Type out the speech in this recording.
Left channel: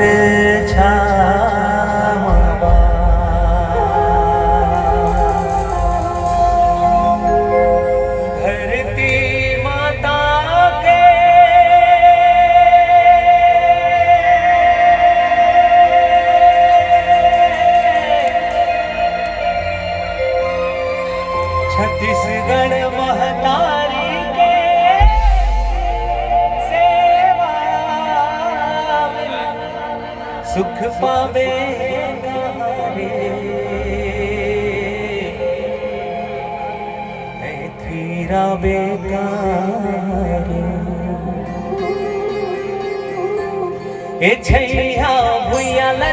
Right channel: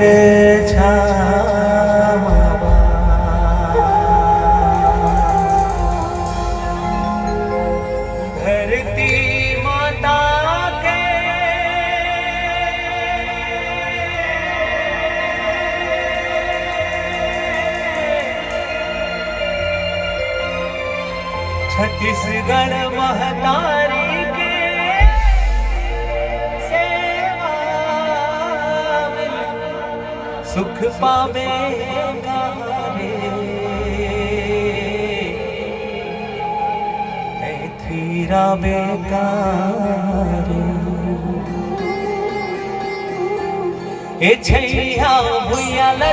रे छावा धरती माता के छत्तीसगढ़ महतारी के सुख पावेगा रे थीरा बेकार ए छैया भुइया ल